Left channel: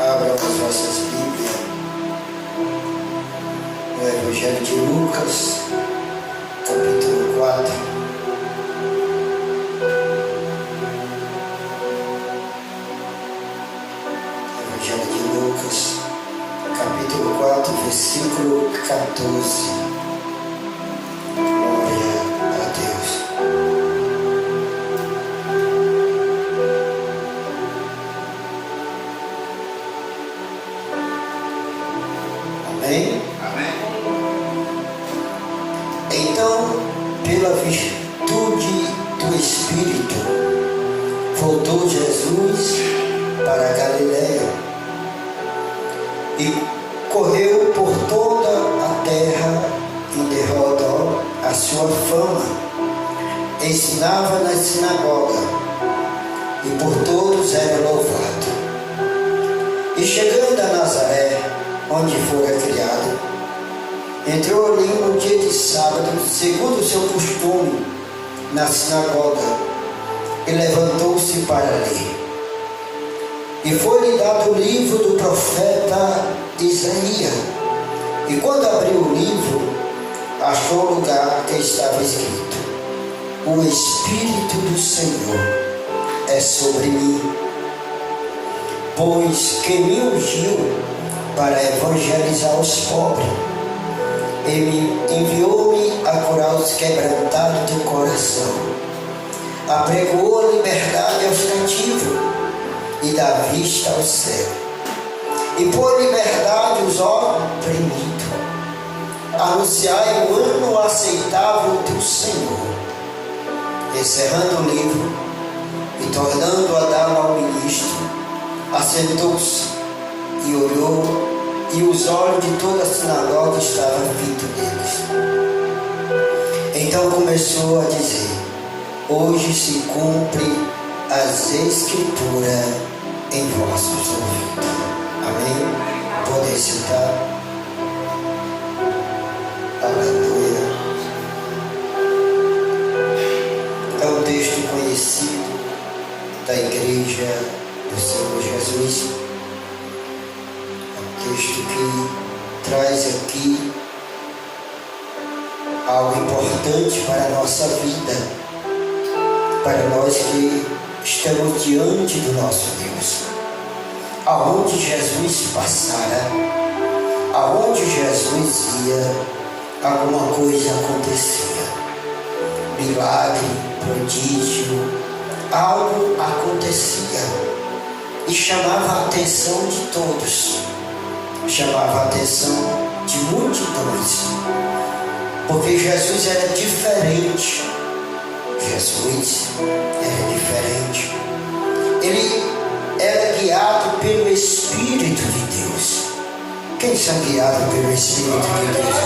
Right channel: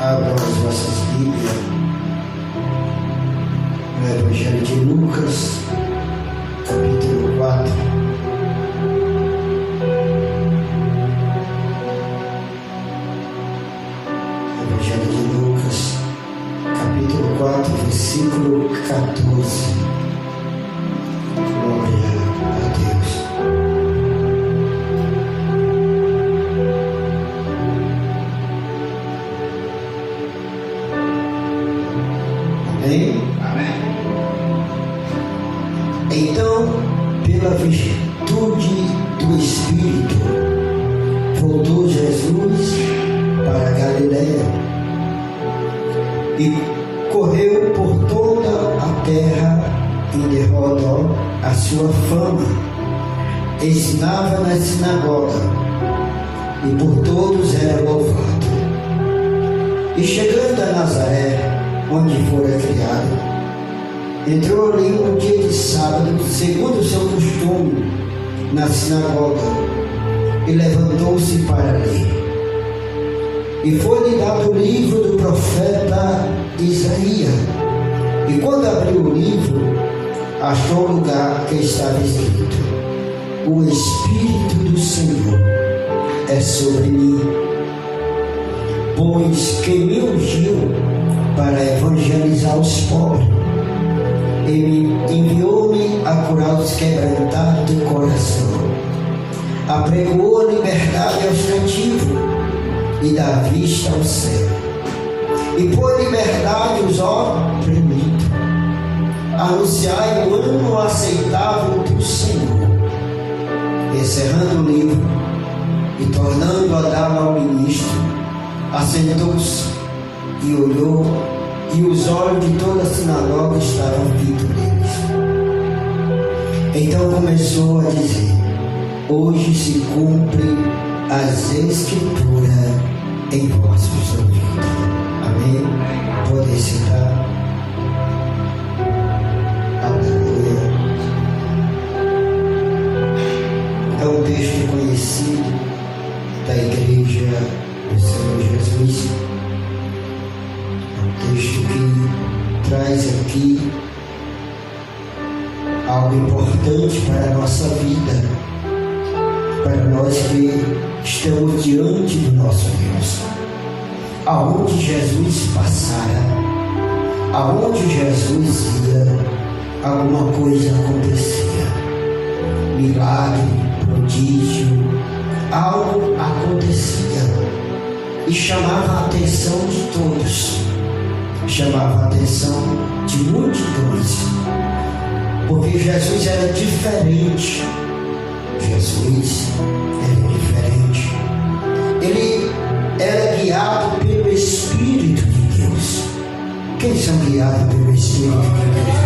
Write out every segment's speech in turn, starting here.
Abram as vossas Bíblias no Evangelho de Lucas, capítulo 4. Evangelho de Lucas, capítulo 4, versículo 14. Glória a Deus. Amém? Então, pela virtude do Espírito, voltou Jesus para a Galiléia e correu por toda a terra em derredor a sua fama. Ensinava na sinagoga e por todos era louvado. E chegando a Nazaré, onde fora criado, entrou ali no dia de sábado, segundo o seu costume, na sinagoga, e levantou-se para ler. E foi-lhe dado o livro do profeta Isaías. E quando abriu o livro, achou o lugar que estava escrito: O Espírito do Senhor é sobre mim, pois que me ungiu para evangelizar os pobres. Ele enviou-me a curar os quebrantados de coração, apregou a liberdade aos cativos e dá vista ao cego, e por liberdade os oprimidos, anunciai o ano aceitável do Senhor. Encerrando o livro e tornando a dá-lo ao ministro, assentou-se e olhou, e os olhos de toda a sinagoga estavam fitos neles. Então começou a dizer: Hoje se cumpre as Escrituras em vossos ouvidos. Amém? Podem sentar. Aleluia. É um texto conhecido da Igreja do Senhor Jesus. Texto que traz aqui algo importante para a nossa vida, para nós que estamos diante do nosso Deus. Aonde Jesus passara, aonde Jesus ia, alguma coisa acontecia. Milagre, prodígio, algo acontecia e chamava a atenção de todos. Chamava a atenção de multidões, porque Jesus era diferente. Jesus era diferente. Ele era guiado pelo Espírito de Deus. Quem são guiados pelo Espírito de Deus?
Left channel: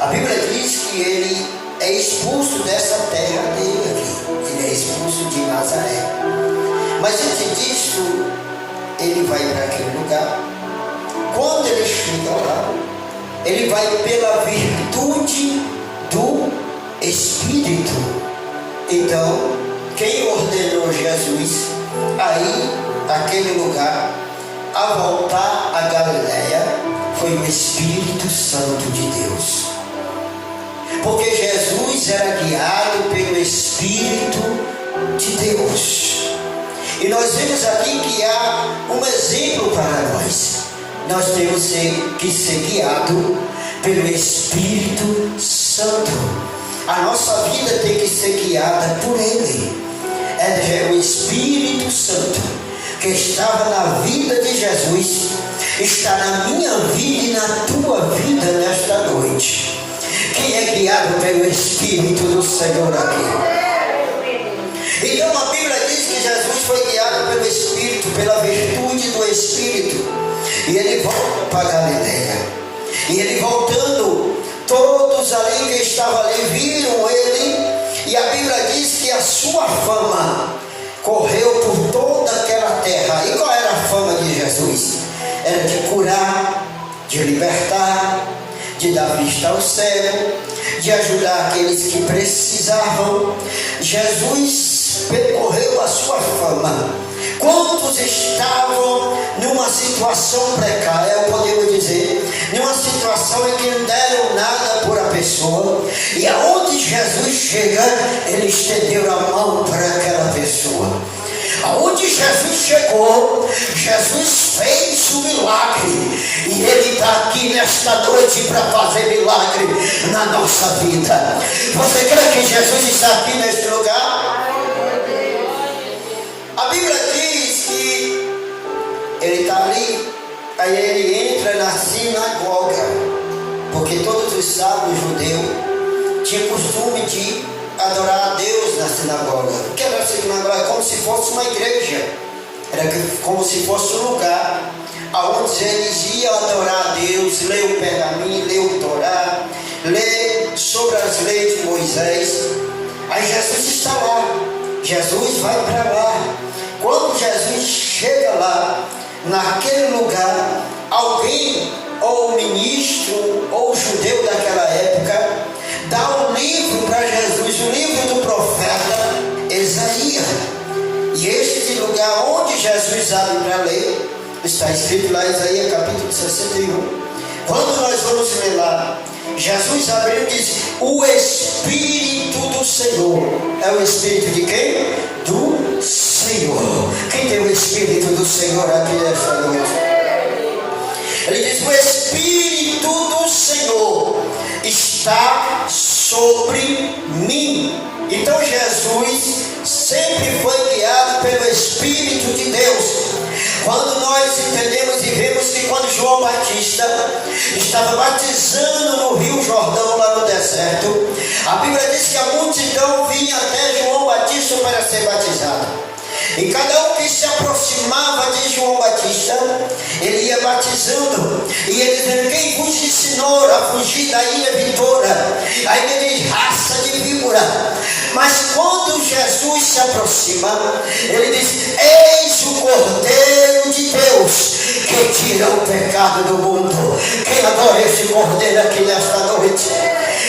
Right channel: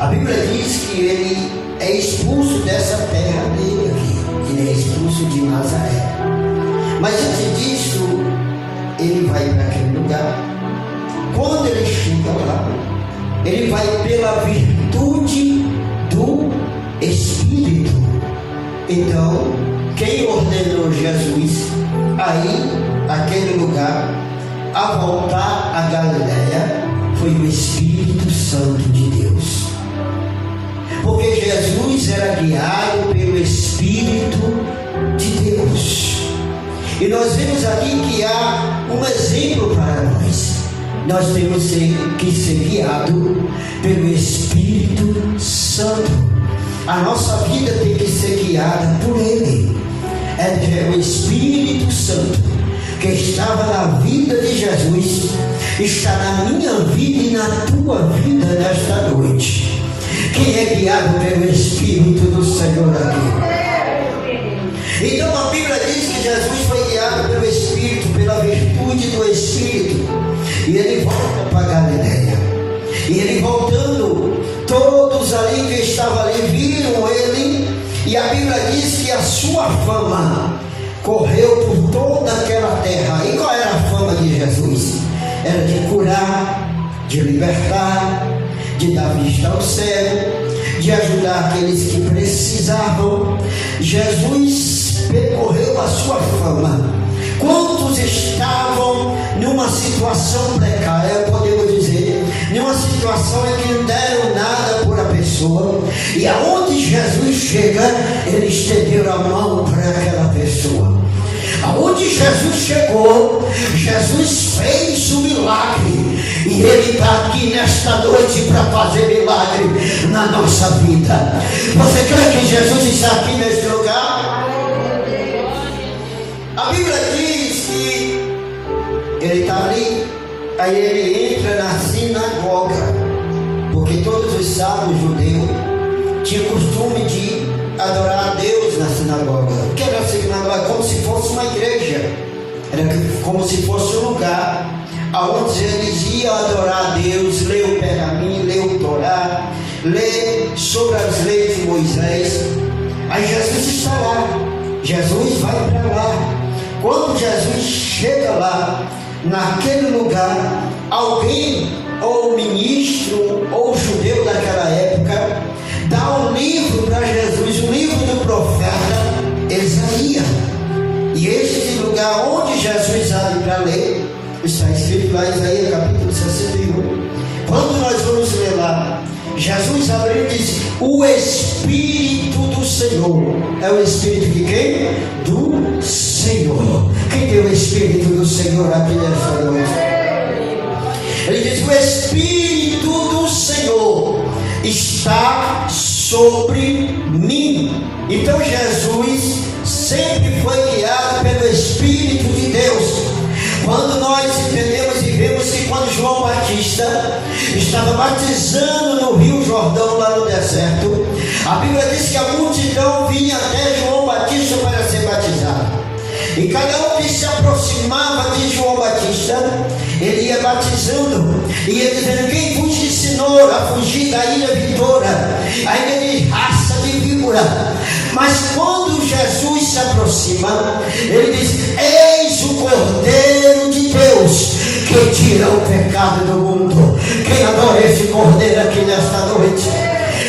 A Bíblia diz que ele é expulso dessa terra dele aqui. Ele é expulso de Nazaré. Mas antes disso, ele vai para aquele lugar. Quando ele chega lá, ele vai pela virtude do Espírito. Então, quem ordenou Jesus aí, aquele lugar, a voltar a Galiléia, foi o Espírito Santo de Deus. Porque Jesus era guiado pelo Espírito de Deus. E nós vemos aqui que há um exemplo para nós. Nós temos que ser guiados pelo Espírito Santo. A nossa vida tem que ser guiada por Ele. É o Espírito Santo que estava na vida de Jesus, está na minha vida e na tua vida nesta noite. Quem é guiado pelo Espírito do Senhor aqui? Então a Bíblia diz que Jesus foi guiado pelo Espírito, pela virtude do Espírito, e ele volta para Galiléia. E ele voltando, todos ali que estavam ali viram ele, e a Bíblia diz que a sua fama correu por toda aquela terra. E qual era a fama de Jesus? Era de curar, de libertar, de dar vista ao cego, de ajudar aqueles que precisavam. Jesus percorreu a sua fama. Quantos estavam situação precária, podemos dizer, numa situação em que não deram nada por a pessoa, e aonde Jesus chega, ele estendeu a mão para aquela pessoa. Aonde Jesus chegou, Jesus fez o milagre, e Ele está aqui nesta noite para fazer milagre na nossa vida. Você crê que Jesus está aqui neste lugar? A Bíblia diz que Ele está ali, aí Ele entra na sinagoga, porque todos os sábios judeus tinham costume de adorar a Deus na sinagoga. O que era a sinagoga? Como se fosse uma igreja, era como se fosse um lugar onde eles iam adorar a Deus, ler o pergaminho, ler o Torá, ler sobre as leis de Moisés. Aí Jesus está lá, Jesus vai para lá. Quando Jesus chega lá, naquele lugar, alguém, ou o ministro, ou o judeu daquela época, dá um livro para Jesus, o livro do profeta Isaías. E este lugar onde Jesus abre para ler, está escrito lá em Isaías capítulo 61. Quando nós vamos ler lá, Jesus abre e diz: o Espírito do Senhor. É o Espírito de quem? Do Senhor. Quem tem o Espírito do Senhor aqui nesta noite? Ele diz: o Espírito do Senhor está sobre mim. Então Jesus sempre foi guiado pelo Espírito de Deus. Quando nós entendemos e vemos que quando João Batista estava batizando no Rio Jordão, lá no deserto, a Bíblia diz que a multidão vinha até João Batista para ser batizado. E cada um que se aproximava de João Batista, ele ia batizando, e ele dizendo: quem vos ensinou a fugir da ilha Vitória? Aí ele diz: raça de víbora. Mas quando Jesus se aproxima, ele diz: eis o Cordeiro de Deus que tira o pecado do mundo. Quem adora esse Cordeiro aqui nesta noite?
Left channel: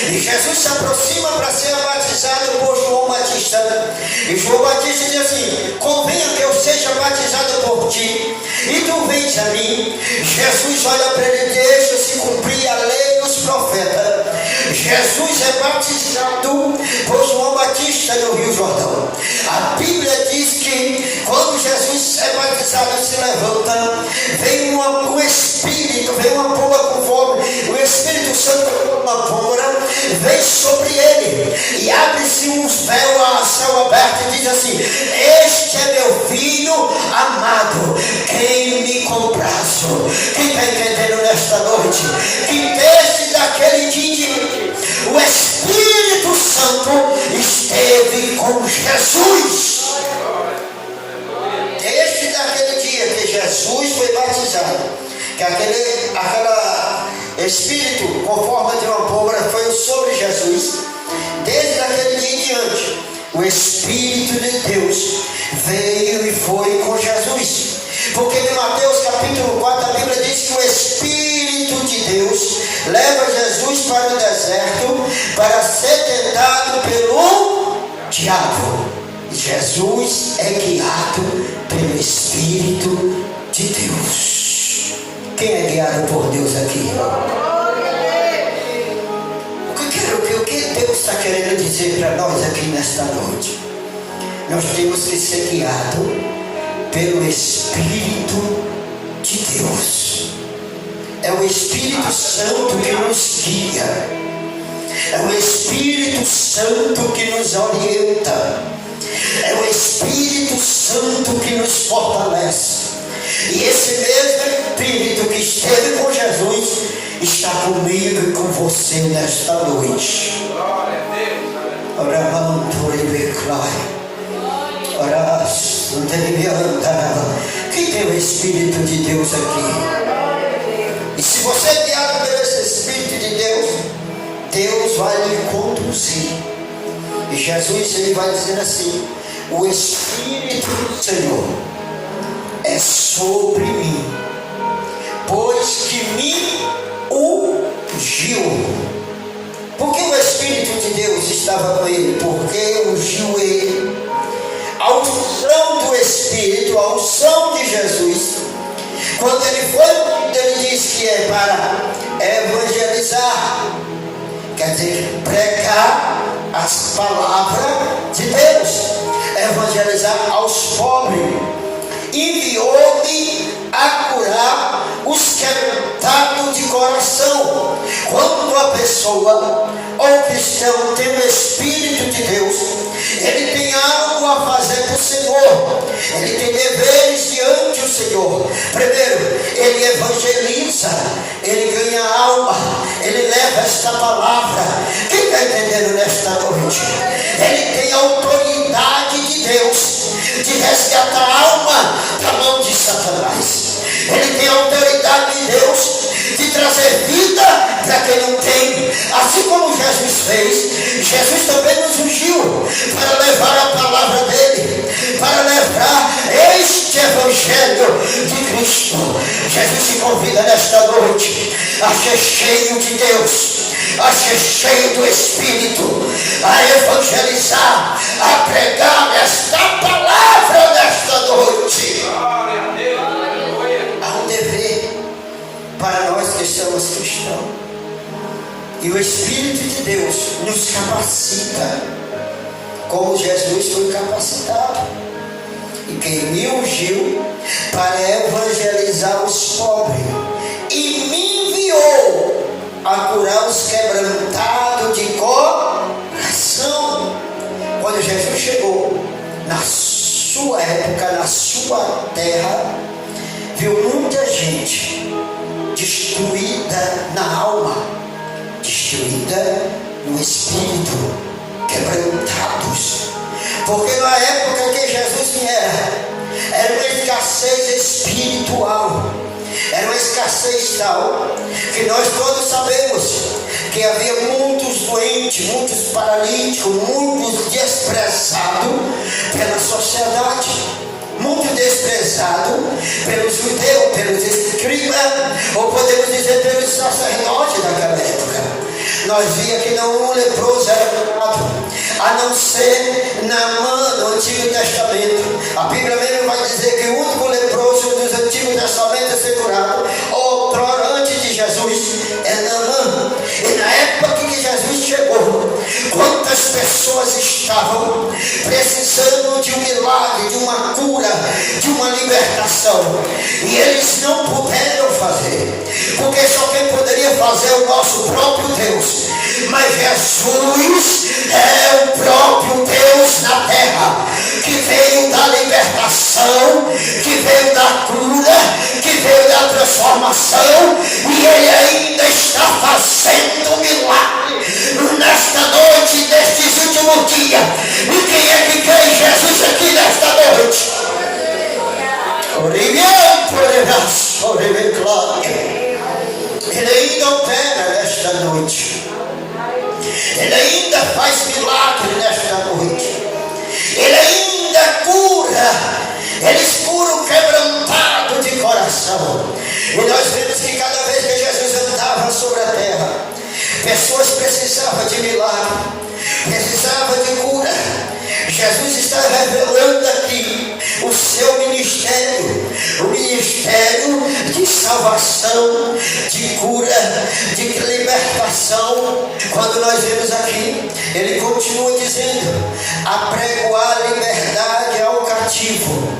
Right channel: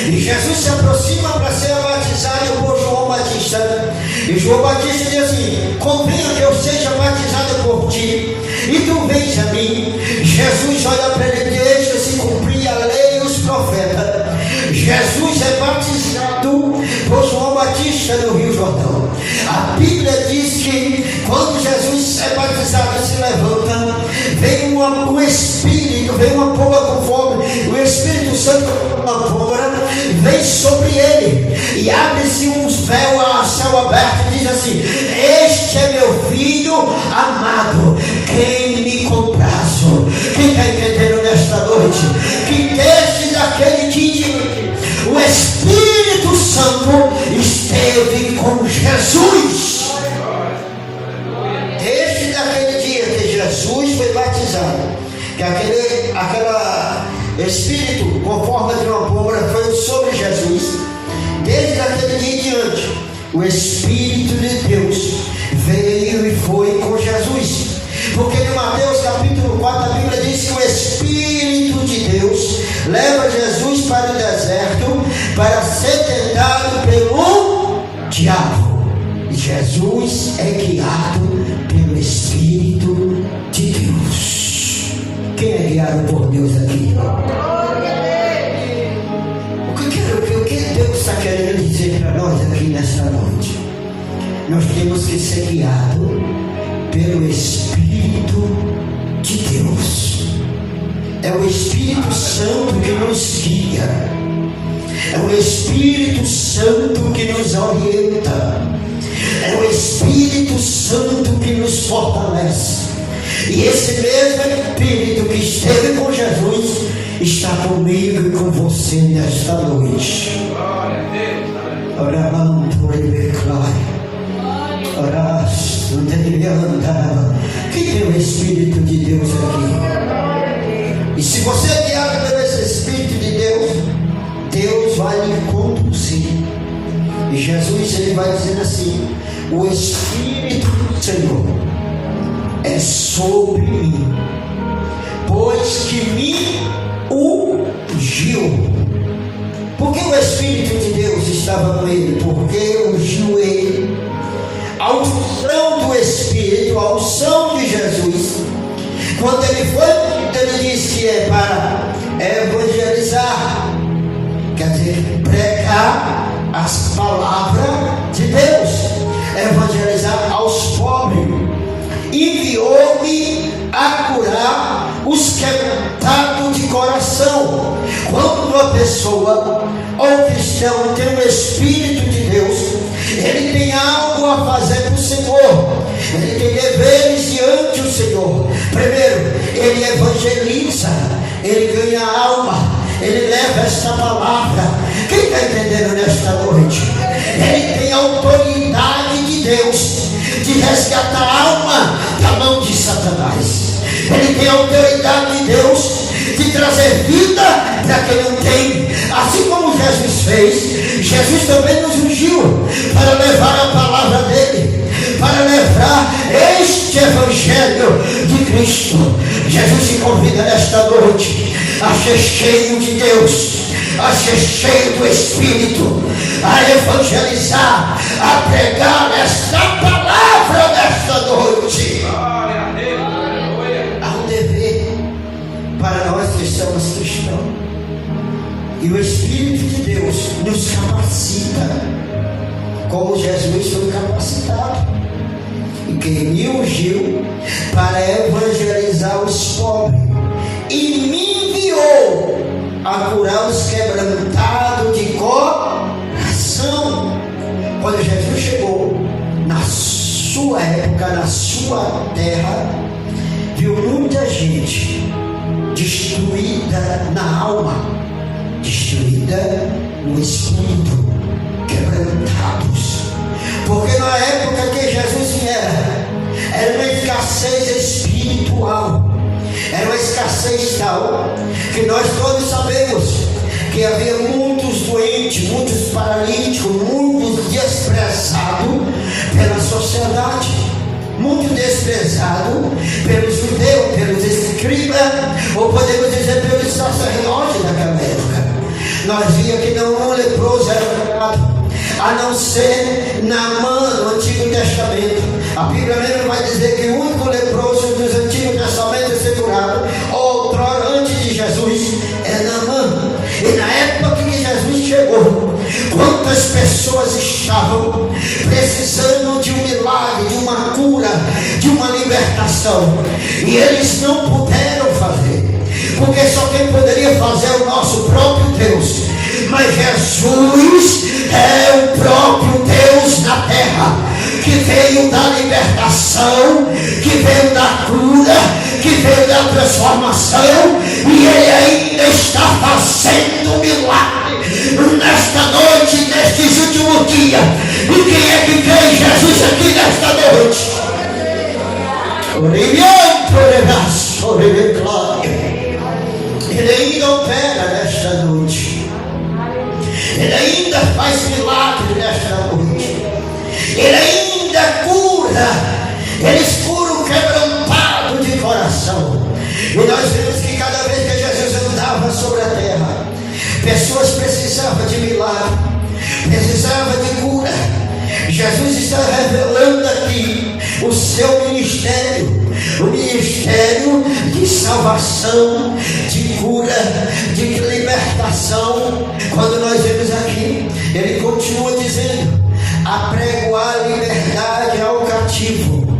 E Jesus se aproxima para ser batizado por João Batista. E João Batista diz assim: convenha que eu seja batizado por ti, e tu vens a mim. Jesus olha para ele: deixa-se cumprir a lei e os profetas. Jesus é batizado por João Batista no Rio Jordão. A Bíblia diz que quando Jesus é batizado e se levanta, vem um Espírito, vem uma pomba com fogo, o Espírito Santo, uma pomba, vem sobre ele, e abre-se um véu a céu aberto, e diz assim: este é meu filho amado, quem me comprazo. Quem está entendendo nesta noite? Que desde daquele dia o Espírito Santo esteve com Jesus. Desde daquele dia que Jesus foi batizado, que aquela Espírito com forma de uma pomba foi sobre Jesus, desde aquele dia em diante, o Espírito de Deus veio e foi com Jesus. Porque em Mateus capítulo 4 a Bíblia diz que o Espírito de Deus leva Jesus para o deserto para ser tentado pelo diabo. E Jesus é guiado pelo Espírito de Deus. Quem é guiado por Deus aqui? O que Deus está querendo dizer para nós aqui nesta noite? Nós temos que ser guiados pelo Espírito de Deus. É o Espírito Santo que nos guia, é o Espírito Santo que nos orienta, é o Espírito Santo que nos fortalece. E esse mesmo Espírito que esteve com Jesus está comigo e com você nesta noite. Glória a Deus. Quem tem o Espírito de Deus aqui? E se você é guiado pelo Espírito de Deus, Deus vai lhe conduzir. E Jesus ele vai dizer assim: o Espírito do Senhor é sobre mim, pois que me ungiu. Por que o Espírito de Deus estava com ele? Porque ungiu ele. A unção do Espírito, a unção de Jesus, Quando ele foi, ele disse que é para evangelizar, quer dizer, pregar as palavras de Deus, evangelizar aos pobres. Enviou-me a curar os quebrantados de coração. Quando uma pessoa ou um cristão tem o Espírito de Deus, ele tem algo a fazer para o Senhor, ele tem deveres diante do Senhor. Primeiro, ele evangeliza, ele ganha alma, ele leva esta palavra. Quem está entendendo nesta noite? Ele tem a autoridade de Deus de resgatar a alma da mão de Satanás. Ele tem a autoridade de Deus de trazer vida para quem não tem. Assim como Jesus fez, Jesus também nos ungiu para levar a palavra dele, para levar este evangelho de Cristo. Jesus te convida nesta noite a ser cheio de Deus, a ser cheio do Espírito, a evangelizar, a pregar esta palavra nesta noite. Há um dever para nós que somos cristãos, e o Espírito de Deus nos capacita, como Jesus foi capacitado, e quem me ungiu para evangelizar os pobres, e me enviou a curar os quebrantados de coração. Quando Jesus chegou na sua época, na sua terra, viu muita gente destruída na alma, destruída no espírito, quebrantados. Porque na época que Jesus era uma escassez espiritual, era uma escassez tal que nós todos sabemos que havia muitos doentes, muitos paralíticos, muitos desprezados pela sociedade, muito desprezado pelos judeus, pelos escribas, ou podemos dizer pelos sacerdotes daquela época. Nós via que não um leproso era curado, a não ser Naamã no Antigo Testamento. A Bíblia mesmo vai dizer que o único leproso dos Antigos Testamentos a ser curado, outrora antes de Jesus, é Naamã. E na época que Jesus chegou, quantas pessoas estavam precisando de um milagre, de uma cura, de uma libertação, e eles não puderam fazer, porque só quem poderia fazer é o nosso próprio Deus. Mas Jesus é o próprio Deus na terra, que veio da libertação, que veio da cura, que veio da transformação, e Ele ainda está fazendo milagre nesta noite, nestes últimos dias. E quem é que crê em Jesus aqui nesta noite? Ele ainda opera nesta noite, Ele ainda faz milagre nesta noite, Ele ainda cura, Ele cura o quebrantado de coração. E nós vemos que cada vez que Jesus andava sobre a terra, pessoas precisavam de milagre, precisavam de cura. Jesus está revelando aqui o seu ministério, o ministério de salvação, de cura, de libertação. Quando nós vemos aqui, ele continua dizendo: apregoar liberdade ao cativo.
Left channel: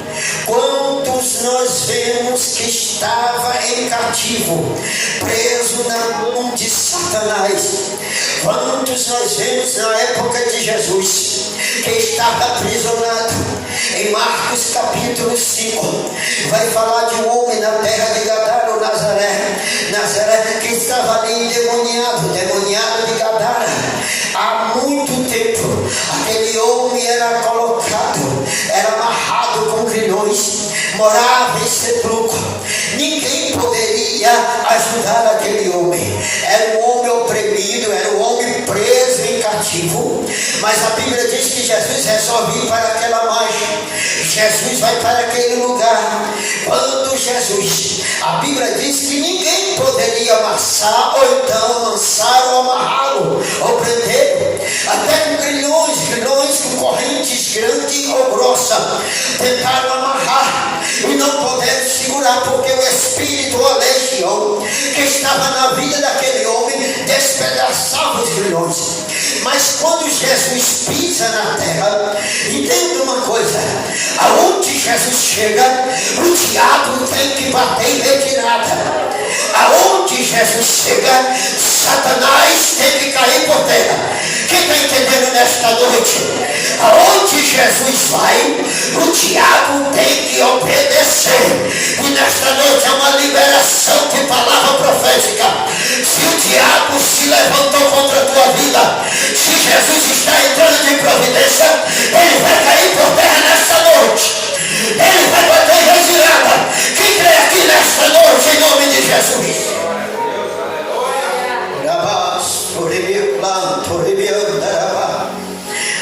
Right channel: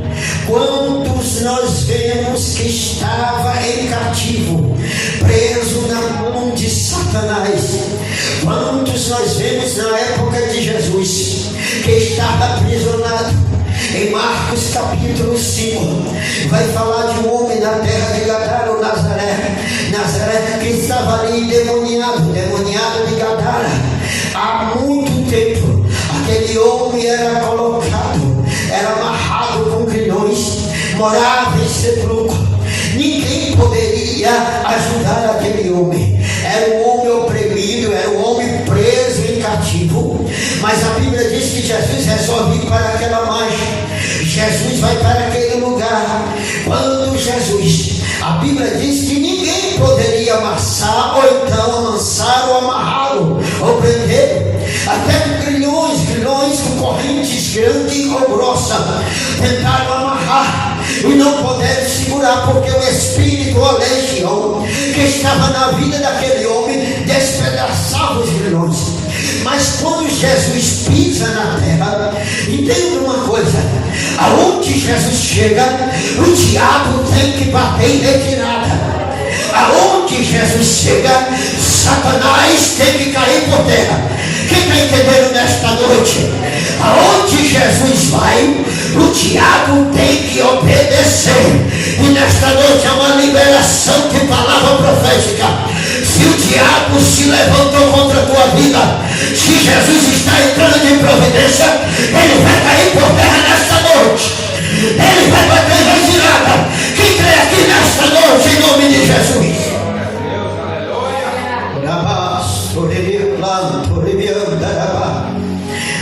Quantos nós vemos que estava em cativo, preso na mão de Satanás? Quantos nós vemos na época de Jesus que estava aprisionado? Em Marcos capítulo 5, vai falar de um homem na terra de Gadara, ou Nazaré, que estava ali endemoniado de Gadara. Há muito tempo, aquele homem era colocado, era amarrado com grilhões, morava em sepulcro. Ninguém poderia ajudar aquele homem. Era um homem oprimido, era um homem preso em cativo. Mas a Bíblia diz que Jesus resolve ir para aquela margem. Jesus vai para aquele lugar. Quando Jesus, a Bíblia diz que ninguém poderia amassar, ou então lançar, ou amarrá-lo, ou prender. Até com grilhões com correntes grandes ou grossas, tentaram amarrar. e não podemos segurar, porque o espírito, a legião que estava na vida daquele homem despedaçava os grilhões. Mas quando Jesus pisa na terra, entenda uma coisa: aonde Jesus chega, o diabo tem que bater em retirada. Aonde Jesus chega, Satanás tem que cair por terra. Quem está entendendo nesta noite? Aonde Jesus vai, o diabo tem que obedecer. E nesta noite é uma liberação de palavra profética. Se o diabo se levantou contra a tua vida, se Jesus está entrando em providência, ele vai cair por terra nesta noite. Ele vai bater em retirada. Quem crê aqui nesta noite, em nome de Jesus?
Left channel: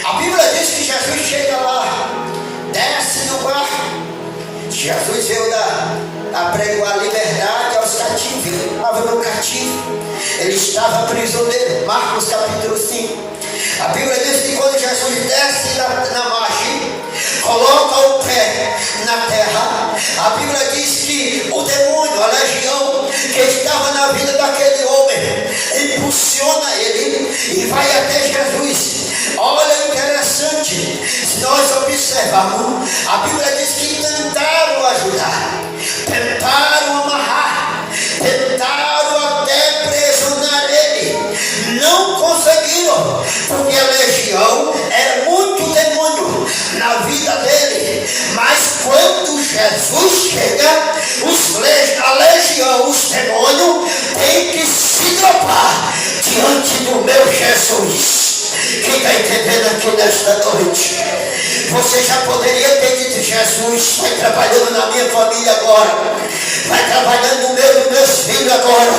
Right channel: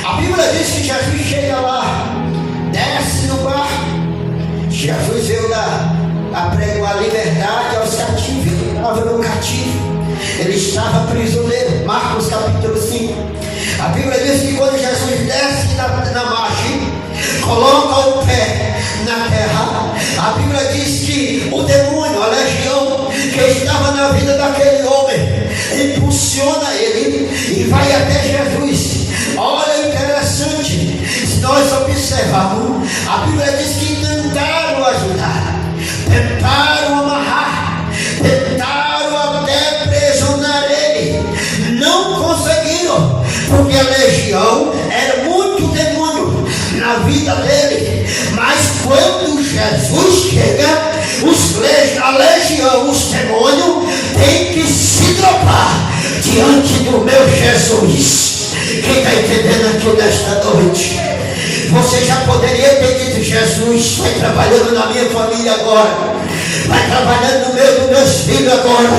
A Bíblia diz que Jesus chega lá, desce no barco. Jesus veio apregoar a liberdade aos cativos. Ele estava no cativo, ele estava prisioneiro. Marcos capítulo 5. A Bíblia diz que quando Jesus desce na margem, coloca o pé na terra, a Bíblia diz que o demônio, a legião que estava na vida daquele homem, impulsiona ele e vai até Jesus. Olha, interessante, se nós observarmos, a Bíblia diz que tentaram ajudar, tentaram amarrar, tentaram até aprisionar ele, não conseguiram, porque a legião era muito demônio na vida dele. Mas quando Jesus chega, a legião, os demônios têm que se dropar diante do meu Jesus. Quem está entendendo aqui nesta noite? Você já poderia ter dito: Jesus, vai trabalhando na minha família agora, vai trabalhando no meio dos meus filhos agora,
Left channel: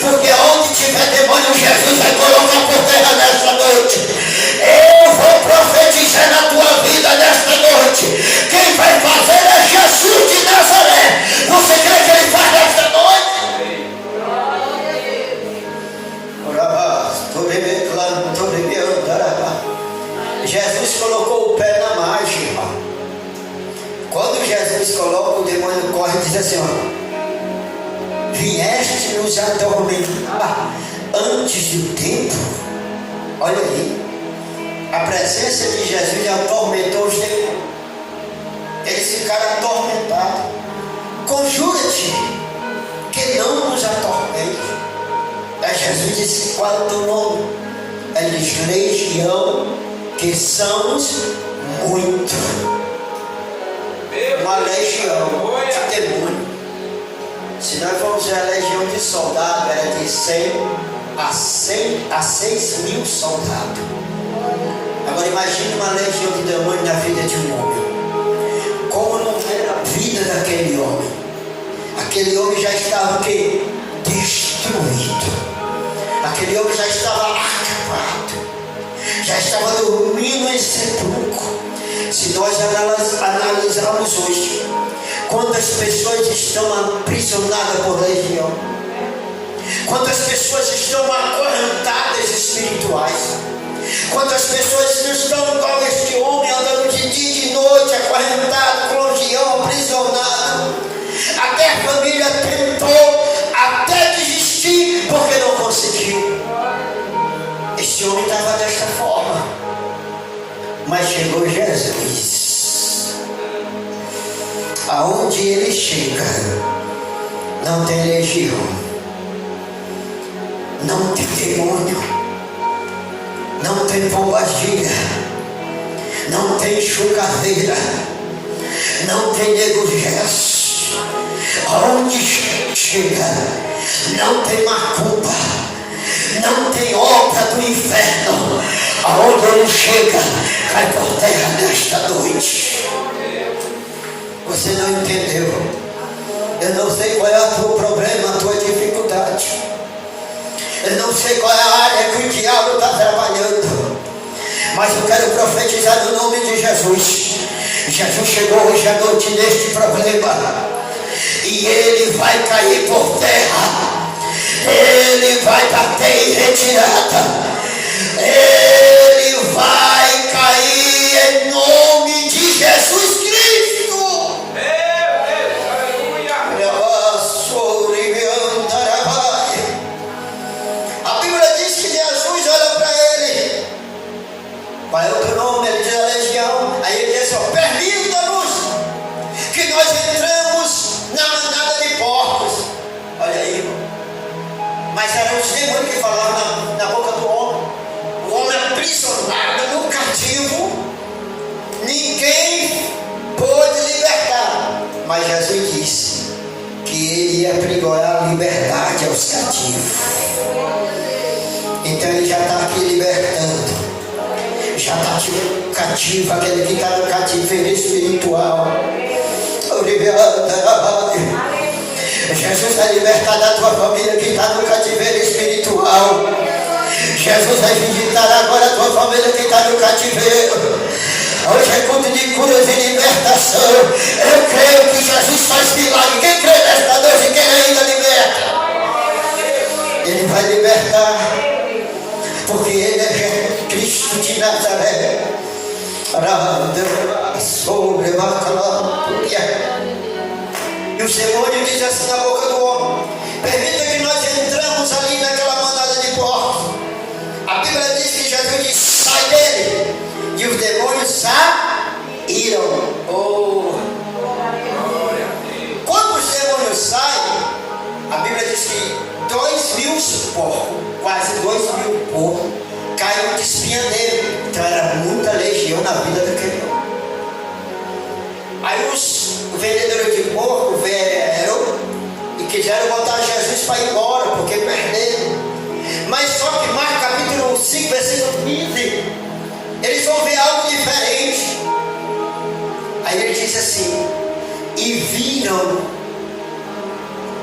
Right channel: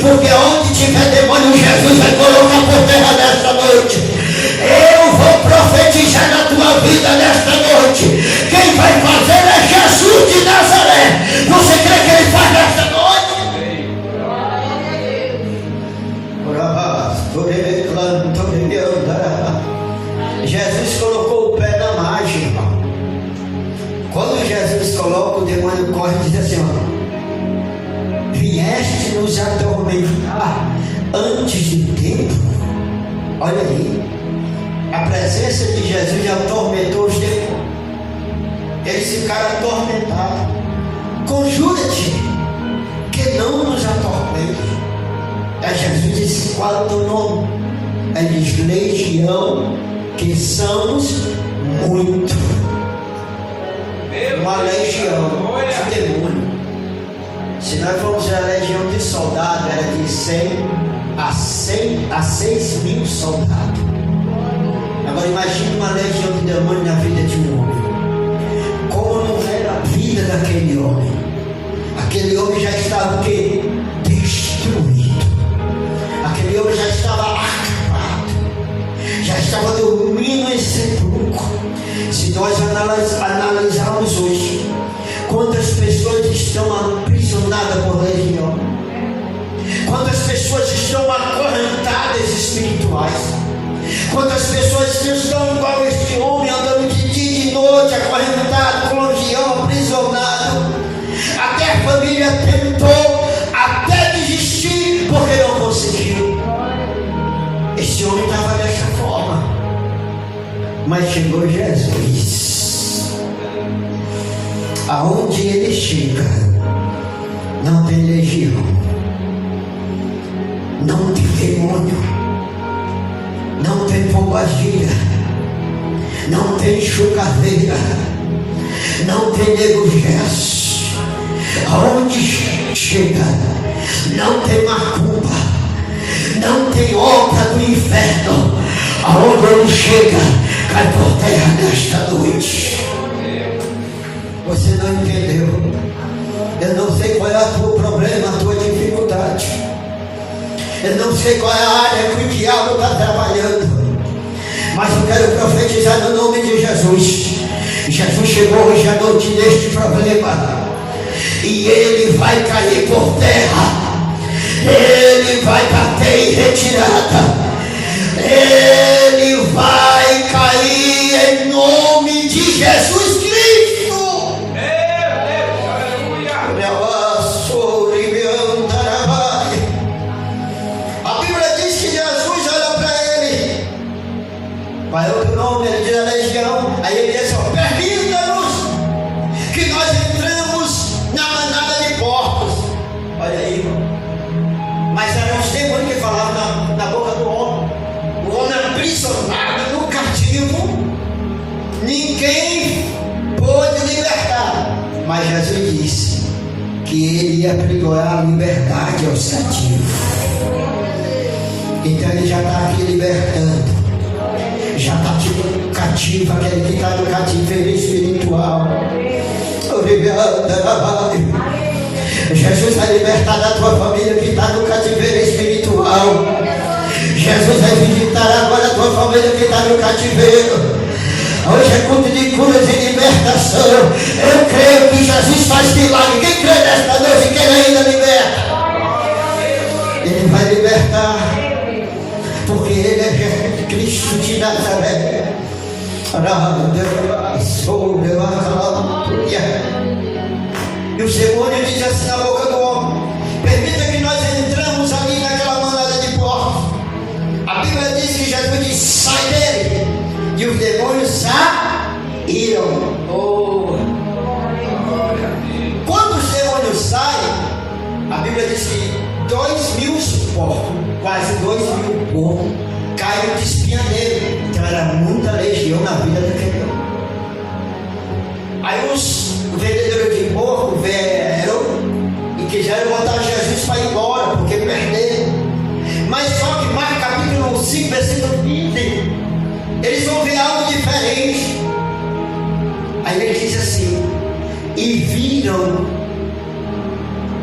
porque onde tiver demônio, Jesus vai colocar por terra nesta noite. Eu vou profetizar na tua vida nesta noite. Quem vai fazer é Jesus de Nazaré. Você crê que ele faz nesta noite? Jesus colocou o pé na margem, irmão. Quando Jesus coloca, o demônio corre e diz assim: ó, vieste nos atormentar antes do tempo. Olha aí, a presença de Jesus atormentou os demônios. Eles ficaram atormentados. Conjura-te que não nos atormente. Aí Jesus disse: qual é o teu nome? Ele diz: legião, que somos muito. Uma legião de demônio. Se nós formos ver a legião de soldados, era de 100 a 6 mil soldados. Agora imagine uma legião de demônio na vida de um homem. Como não era a vida daquele homem? Aquele homem já estava o quê? Destruído. Aquele homem já estava acabado, já estava dormindo em sepulcro. Se nós analisarmos hoje, quantas pessoas estão aprisionadas por legião, quantas pessoas estão acorrentadas espirituais, quantas pessoas estão igual este homem, andando de dia e de noite, acorrentado, com legião, aprisionado. Até a família tentou até desistir, porque não conseguiu. Esse homem estava desta forma, mas chegou Jesus. Aonde ele chega, não tem legião, não tem demônio, não tem pombagira, não tem chocadeira, não tem nego-gesso. Aonde chega, não tem macumba, não tem obra do inferno. Aonde ele chega, cai por terra nesta noite. Você não entendeu? Eu não sei qual é o teu problema, a tua dificuldade. Eu não sei qual é a área que o diabo está trabalhando, mas eu quero profetizar no nome de Jesus. Jesus chegou hoje à noite neste problema, e ele vai cair por terra, ele vai bater em retirada, ele vai cair em nome de Jesus Cristo. nós entramos na manada de porcos. Olha aí, irmão. Mas eram os demônios que falavam na boca do homem. O homem aprisionado no cativo, ninguém pôde libertar. Mas Jesus disse que ele ia pregoar a liberdade aos cativos. Então ele já está aqui libertando, já está tirando cativo, aquele que está no cativeiro espiritual. Jesus vai libertar da tua família que está no cativeiro espiritual. Jesus vai visitar agora a tua família que está no cativeiro. Hoje é culto de curas e libertação. Eu creio que Jesus faz milagre. Quem crê nesta noite, quem ainda liberta? Ele vai libertar, porque Ele é Jesus Cristo de Nazaré. Sobre e os demônios dizem assim na boca do homem: permita que nós entramos ali naquela manada de porcos. A Bíblia diz que Jesus disse: sai dele. E os demônios saíram. Quando os demônios saem, a Bíblia diz que 2.000 porcos, quase 2.000 porcos, caíram de espinha dele. Então era muita legião na vida daquele homem. Aí os vendedores de porco vieram e quiseram botar Jesus para ir embora, porque perderam. Mas só que Marcos capítulo 5, versículo 15, eles vão ver algo diferente. Aí ele diz assim: e viram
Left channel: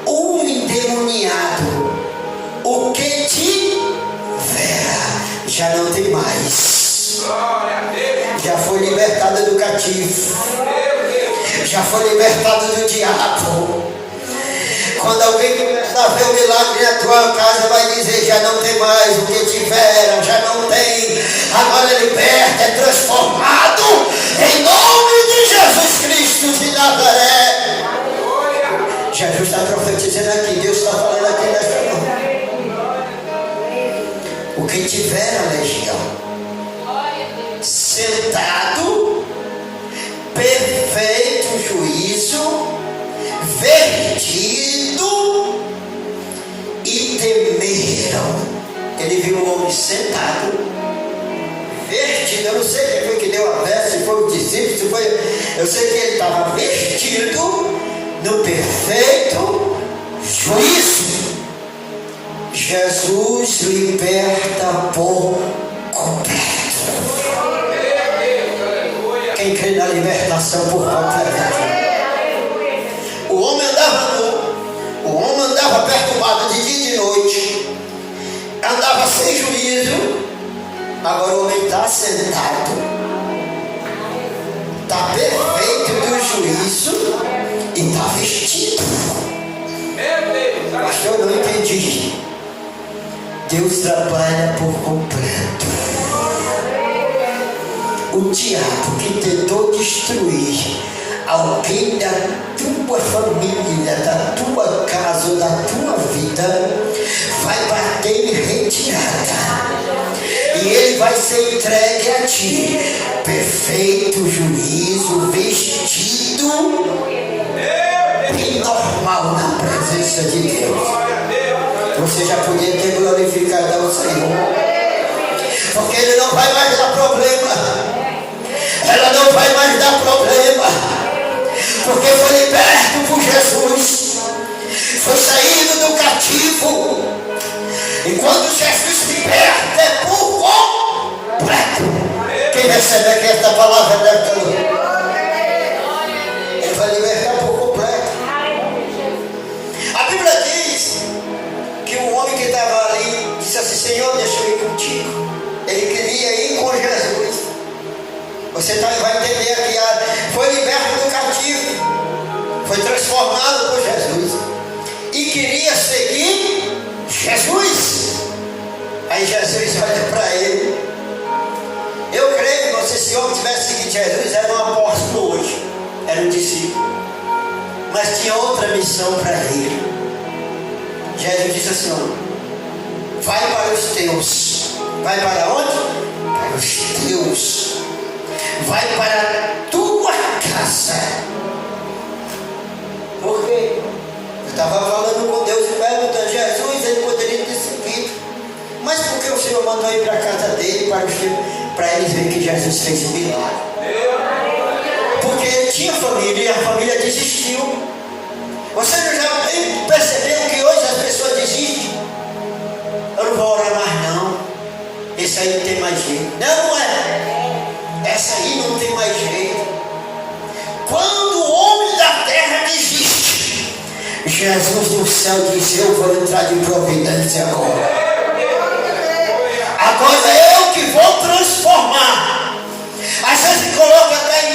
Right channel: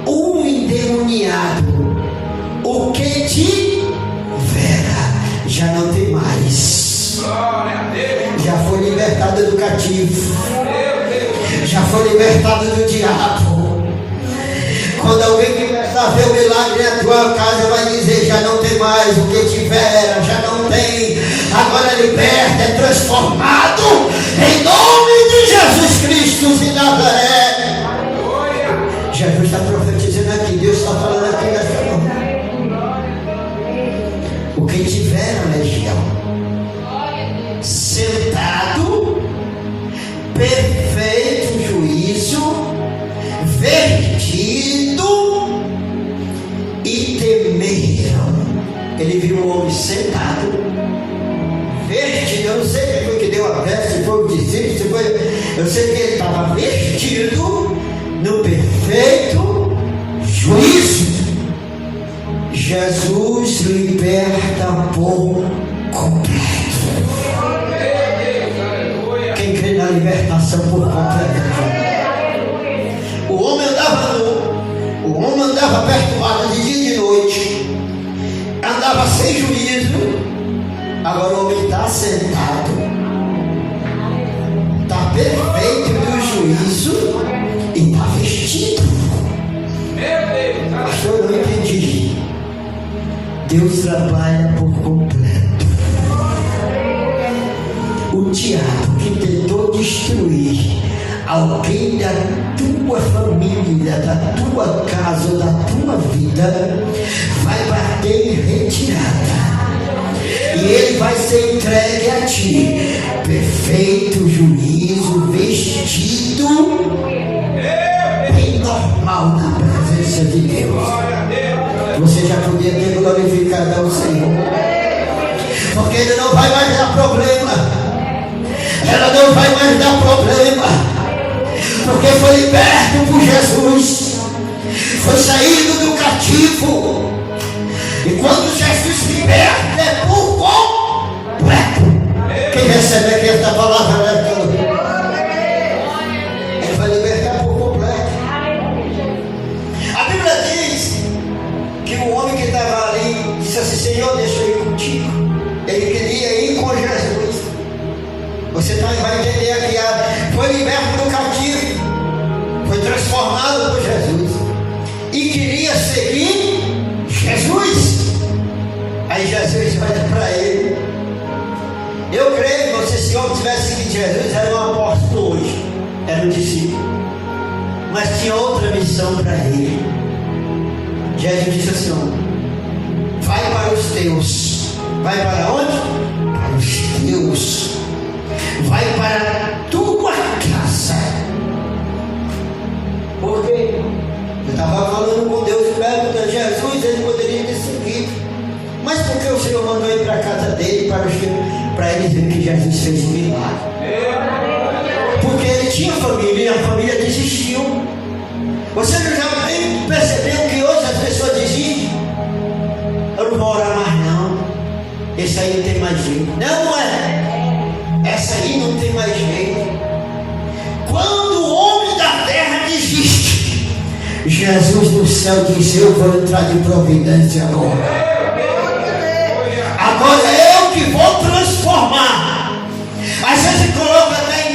um endemoniado, o que tivera já não tem mais, já foi libertado do cativo, já foi libertado do diabo. Quando alguém começar a ver o milagre na tua casa, vai dizer: já não tem mais o que tivera, já não tem. Agora é liberta, é transformado em nome de Jesus Cristo de Nazaré. Jesus está profetizando aqui, Deus está falando aqui nesta noite. O que tivera, legião, sentado, perfeito juízo, vertido, e temeram. Ele viu um homem sentado, vestido. Eu não sei quem foi que deu a veste, se foi o discípulo, se foi. Eu sei que ele estava vestido no perfeito juízo. Jesus liberta por completo. Quem crê na libertação por completo? O homem andava perturbado de dia e de noite, andava sem juízo. Agora o homem está sentado, está perfeito do juízo e está vestido. Pastor, eu não entendi. Deus trabalha por completo. O diabo que tentou destruir alguém da tua família, da tua casa, da tua vida, vai bater em retirada. E ele vai ser entregue a ti, perfeito juízo, vestido bem normal na presença de Deus. Você já podia ter glorificado ao Senhor, porque Ele não vai mais dar problema. Ela não vai mais dar problema, porque foi liberto por Jesus, foi saído do cativo. E quando Jesus liberta, é por completo. Quem recebe aqui esta palavra nesta noite? Ele vai libertar por completo. A Bíblia diz que o homem que estava ali disse assim: Senhor, deixa eu ir contigo. Ele queria ir com Jesus. Você vai entender aqui, foi liberto do cativo, foi transformado por Jesus e queria seguir Jesus. Aí Jesus olha para ele. Eu creio que se esse homem tivesse seguido Jesus, era um apóstolo hoje, era um discípulo, mas tinha outra missão para ele. Jesus disse assim: ó, vai para os teus. Vai para onde? Para os teus. Vai para a tua casa. estava falando com Deus e perguntando: Jesus, ele poderia ter seguido, mas por que o Senhor mandou ir para a casa dele para eles verem que Jesus fez um milagre? Porque ele tinha família e a família desistiu. Você não já percebeu que hoje as pessoas desistem? Eu não vou orar mais não, esse aí não tem mais jeito. Não é, essa aí não tem mais jeito. Quando o homem da terra desiste, Jesus do céu diz: eu vou entrar de providência agora. Agora eu que vou transformar. Às vezes coloca até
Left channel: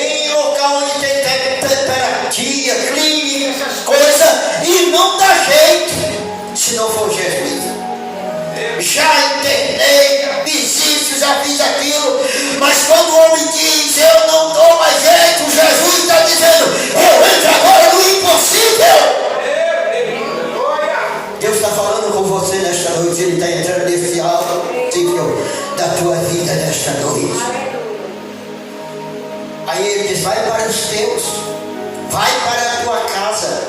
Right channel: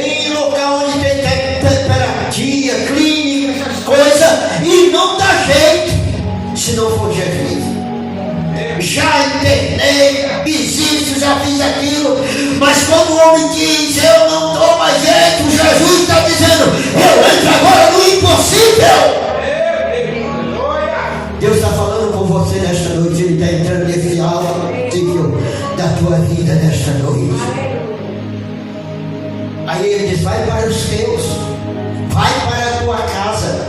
em local onde tem temperatura, clínica, essas coisas, e não dá jeito se não for Jesus. Já internei, fiz isso, já fiz aquilo, mas quando o homem diz: eu não dou mais jeito, Jesus está dizendo: eu entro agora no impossível. Deus está falando com você nesta noite. Ele está entrando nesse alto nível da tua vida nesta noite. Aí ele diz: vai para os teus, vai para a tua casa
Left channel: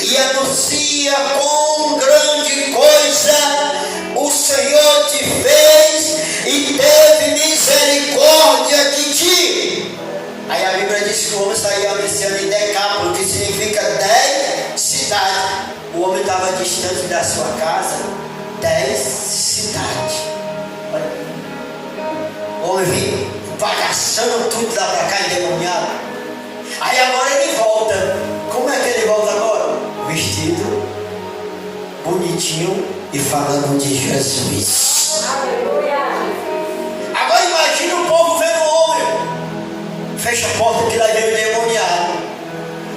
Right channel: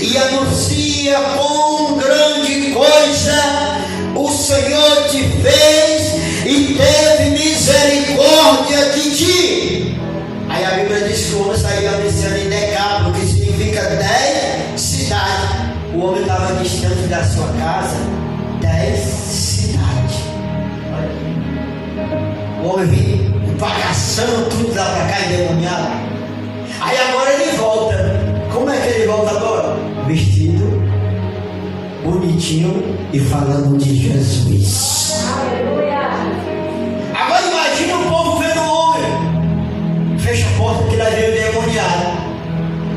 e anuncia quão grande coisa o Senhor te fez e teve misericórdia de ti. Aí a Bíblia diz que o homem saiu anunciando em Decápolis, que significa 10 cidades. O homem estava distante da sua casa 10 cidades. O homem vinha bagaçando tudo lá para cá, endemoniado. Aí agora ele volta. Como é que ele volta agora? Vestido bonitinho e falando de Jesus. Aleluia. Agora imagina o povo vendo o homem. Fecha a porta que lá vem o endemoniado.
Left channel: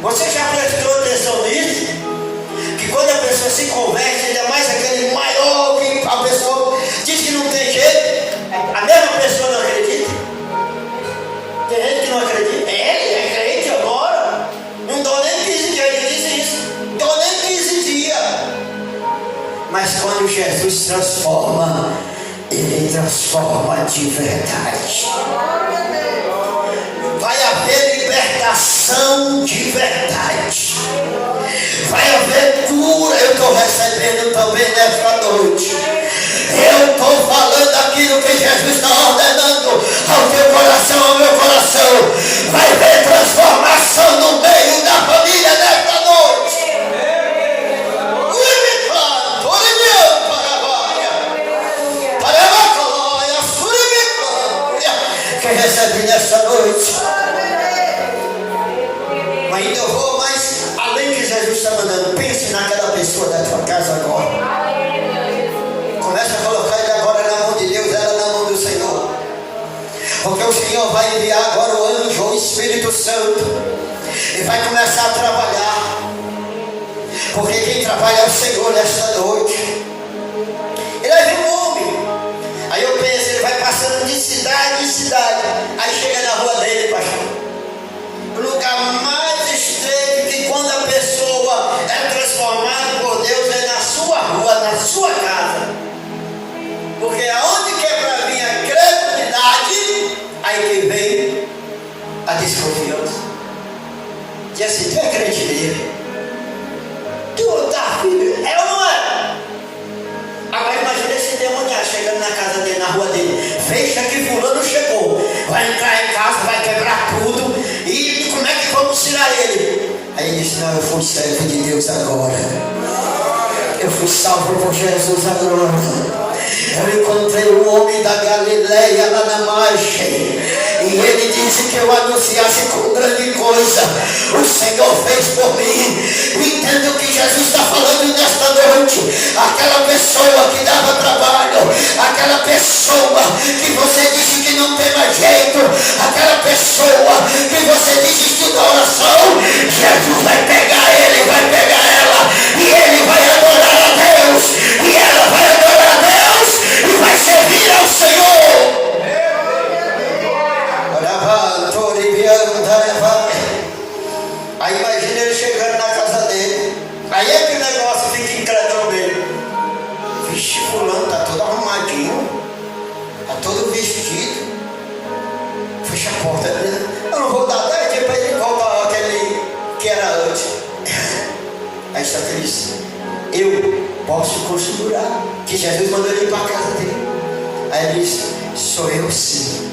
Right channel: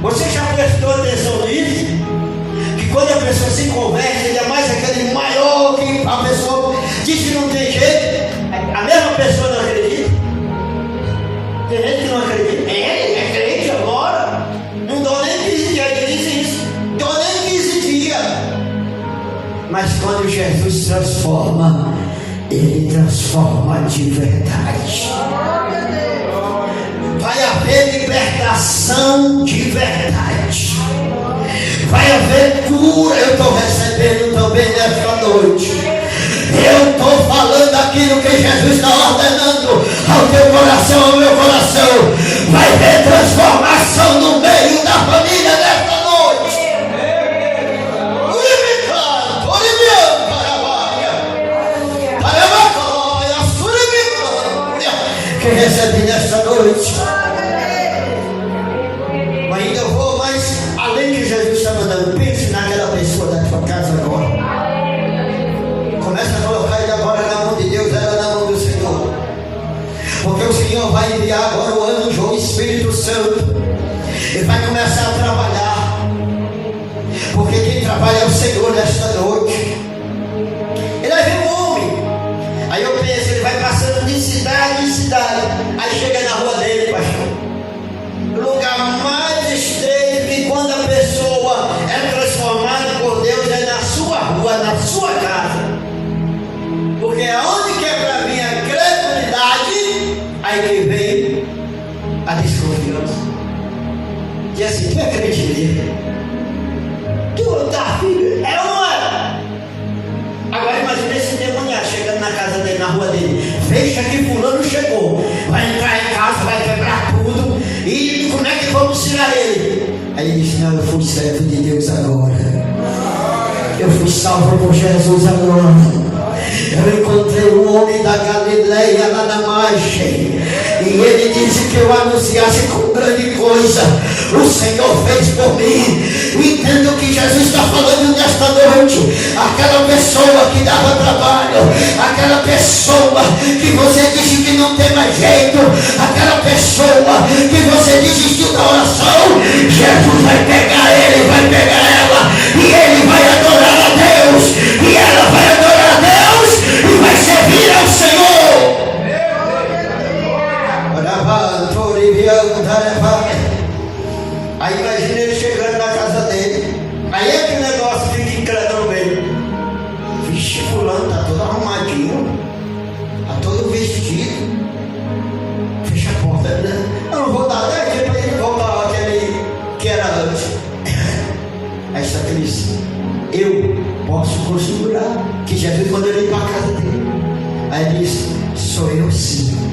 Você já prestou atenção nisso? Que quando a pessoa se converte, ainda mais aquele maior que a pessoa diz que não tem jeito, a mesma pessoa não acredita. Tem gente que não acredita. Ele é crente agora. Não dou nem 15 dias, ele disse isso. Não dou nem 15 dias. Mas quando Jesus transforma, ele transforma de verdade. Vai haver libertação de verdade. Vai haver cura. Eu estou recebendo também nesta noite. Eu estou falando aquilo que Jesus está ordenando ao teu coração, ao meu coração. Vai haver transformação no meio da família nesta noite. Quem recebe nesta noite? Ainda eu vou mais além que Jesus está mandando. Pense naquela pessoa da tua casa agora. Começa a colocar ele agora na mão de Deus, ela na mão do Senhor. Porque o Senhor vai enviar agora o anjo, o Espírito Santo, e vai começar a trabalhar. Porque quem trabalha é o Senhor nesta noite. Ele vai ver um homem. Aí eu penso, ele vai passando de cidade em cidade. Aí chega na rua dele, pastor. O lugar mais estreito, que quando a pessoa é transformada por Deus é na sua rua, na sua casa. Porque aonde que é para vir a credulidade, aí que vem a desconfiança. Que assim, tu é crente mesmo? Tu tá filho? É ou não é? Agora imagina esse demoniado chegando na casa dele, na rua dele. Fecha que fulano chegou. Vai entrar em casa, vai quebrar tudo. E como é que vamos tirar ele? Aí ele disse: não, eu fui servo de Deus agora. Eu fui salvo por Jesus agora. Eu encontrei um homem da Galileia lá na margem. E ele disse que eu anunciasse com grande coisa o Senhor fez por mim. Entendo que Jesus está falando nesta noite. Aquela pessoa que dava trabalho, aquela pessoa que você disse que não tem mais jeito, aquela pessoa que você desistiu da oração, Jesus vai pegar ele, vai pegar ela, e ele vai adorar a Deus, e ela vai adorar a Deus, e vai servir ao Senhor. Aí imagina ele chegando na casa dele. Aí é que o negócio fica incrédulo nele. Vixe, fulano tá todo arrumadinho, tá todo vestido. Fecha a porta, né? Eu não vou dar 10 dias para ele voltar aquele que era antes. Aí está feliz. Eu posso configurar que Jesus mandou ele ir para a casa dele. Aí ele disse: sou eu sim,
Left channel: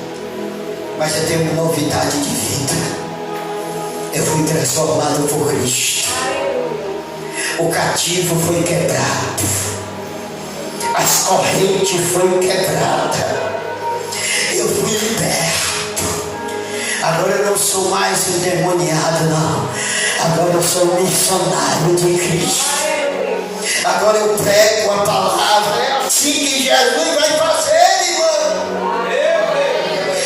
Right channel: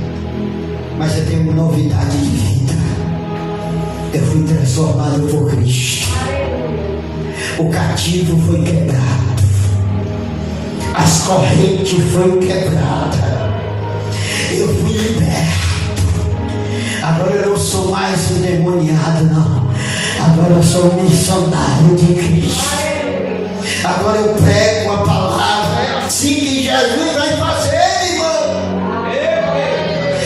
mas eu tenho uma novidade de vida. Eu fui transformado por Cristo. O cativo foi quebrado, as correntes foram quebradas, eu fui liberto. Agora eu não sou mais endemoniado, não. Agora eu sou missionário de Cristo. Agora eu prego a palavra. É assim que Jesus vai fazer, irmão.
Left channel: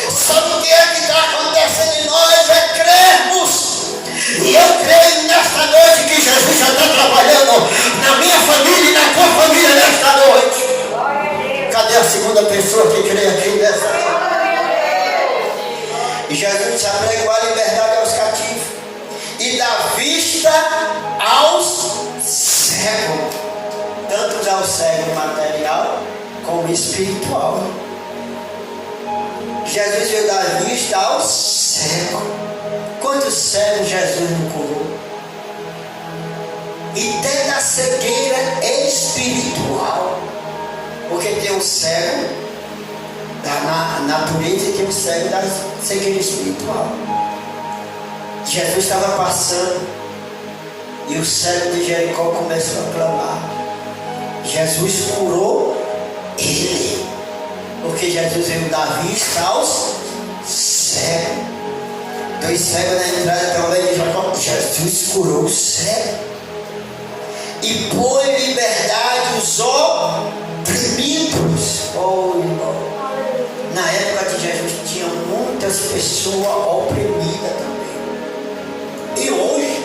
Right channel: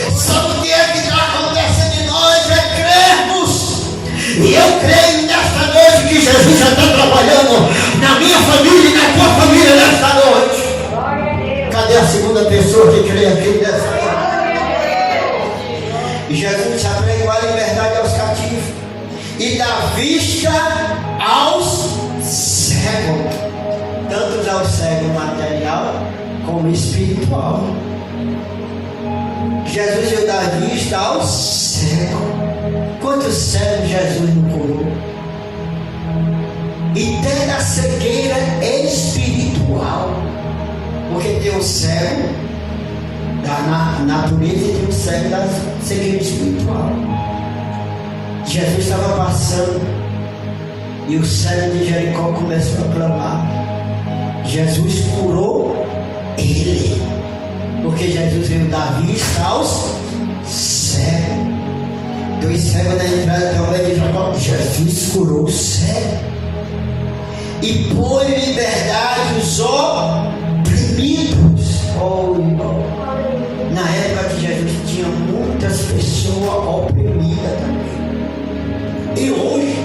Sabe o que é que está acontecendo em nós? É crermos. E eu creio nesta noite que Jesus já está trabalhando na minha família e na tua família nesta noite. Cadê a segunda pessoa que crê aqui nesta noite? E Jesus aprega a liberdade aos cativos e dá vista aos cegos, tanto aos cegos material como espiritual. Jesus veio dar vista aos cegos. Quantos cegos Jesus não curou? E tem a cegueira espiritual, porque tem o cego da natureza e tem o cego da cegueira espiritual. Jesus estava passando e o cego de Jericó começou a clamar. Jesus curou ele, porque Jesus veio dar vista aos cegos. Dois cegos na entrada da igreja de Jacó. Jesus curou o cego e põe liberdade os oprimidos. Oh, irmão, na época que Jesus tinha muitas pessoas oprimidas também. E hoje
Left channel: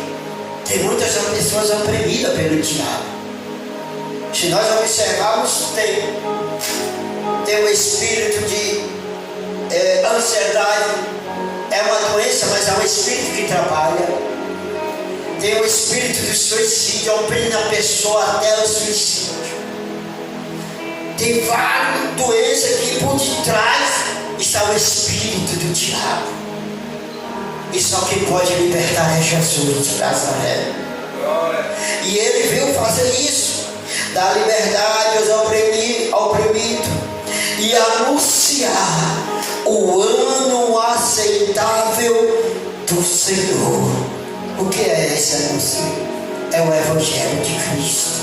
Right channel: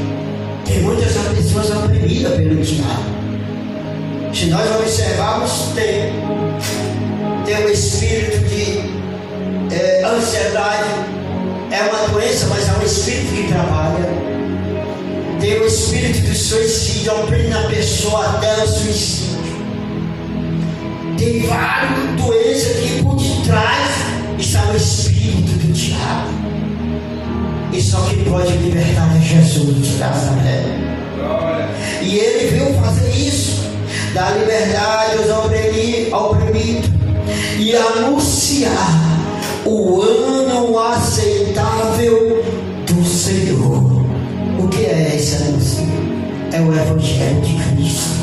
tem muitas pessoas oprimidas pelo diabo. Se nós observarmos, tem um espírito de ansiedade. É uma doença, mas é um espírito que trabalha. Tem um espírito de suicídio, oprime a pessoa até o suicídio. Tem várias doenças que por detrás está o espírito do diabo. E só quem pode libertar é Jesus de Nazaré. E ele veio fazer isso, dar liberdade aos oprimidos e anunciar o ano aceitável do Senhor. O que é esse anúncio? É o Evangelho de Cristo,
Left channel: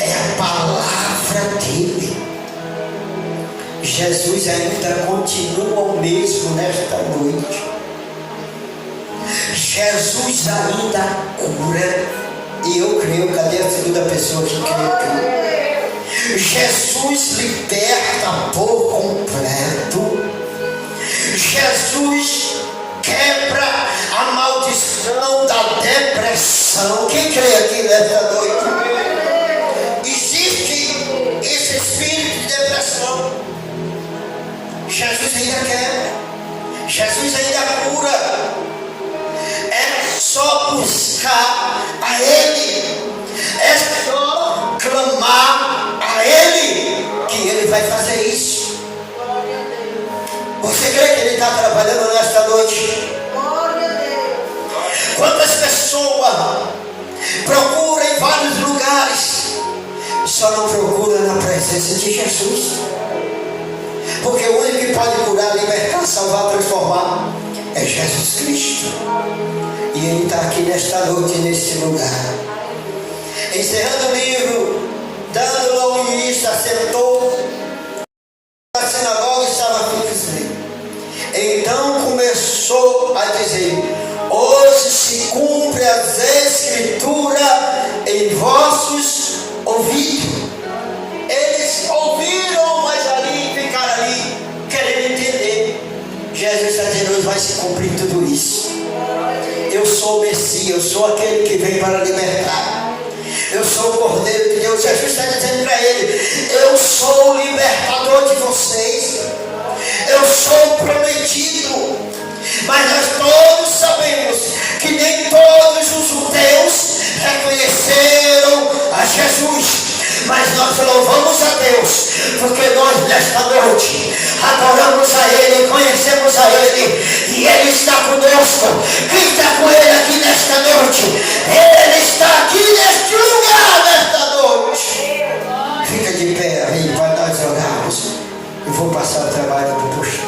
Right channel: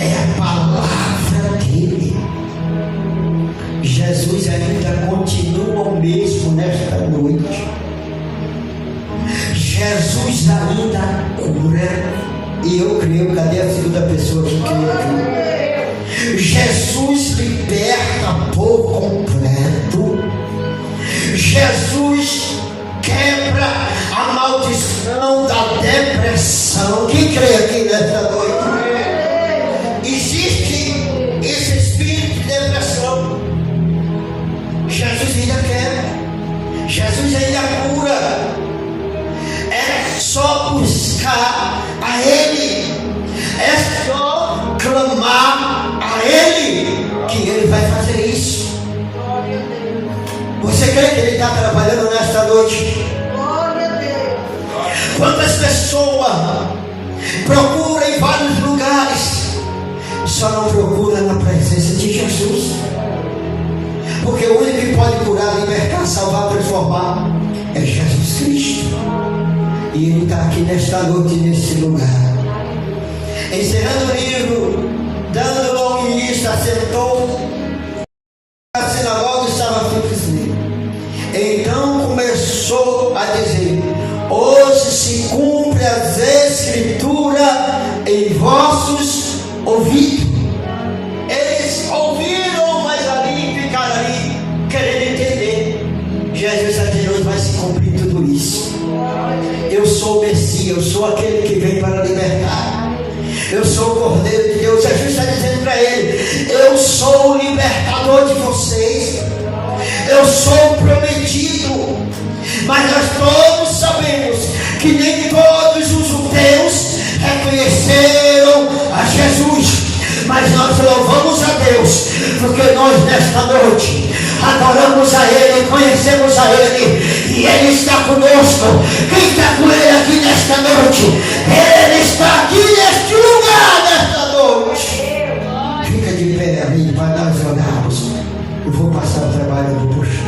é a palavra dele. Jesus ainda continua o mesmo nesta noite. Jesus ainda cura. E eu creio, cadê a segunda pessoa que crê aqui? Jesus liberta por completo. Jesus quebra a maldição da depressão. Quem crê aqui nesta noite? Existe esse espírito de depressão. Jesus ainda quebra. Jesus ainda cura. É só buscar a Ele. É só clamar a Ele, que Ele vai fazer isso. Você crê que Ele está trabalhando nesta noite? Quantas pessoas procuram em vários lugares, só não procuram na presença de Jesus? Porque o único que pode curar, libertar, salvar, transformar é Jesus Cristo. E Ele está aqui nesta noite, neste lugar. Encerrando o livro, dando ao início, assentou na sinagoga e estava fixo. Então começou a dizer: hoje se cumpre as escrituras em vossos ouvidos. Eles ouviram, mas ali ficaram ali querendo entender. Jesus está dizendo: hoje vai se cumprir tudo isso. Eu sou o Messias, eu sou aquele que veio para libertar. Eu sou o Cordeiro de Deus. Jesus está dizendo para ele: eu sou o libertador de vocês. Eu sou o prometido. Mas nós todos sabemos que nem todos os judeus reconheceram a Jesus. Mas nós louvamos a Deus, porque nós nesta noite adoramos a Ele, conhecemos a Ele, e Ele está conosco. Quem está com Ele aqui nesta noite? Ele está aqui nesta de pé aí para nós orarmos. Eu vou passar o trabalho para o puxão.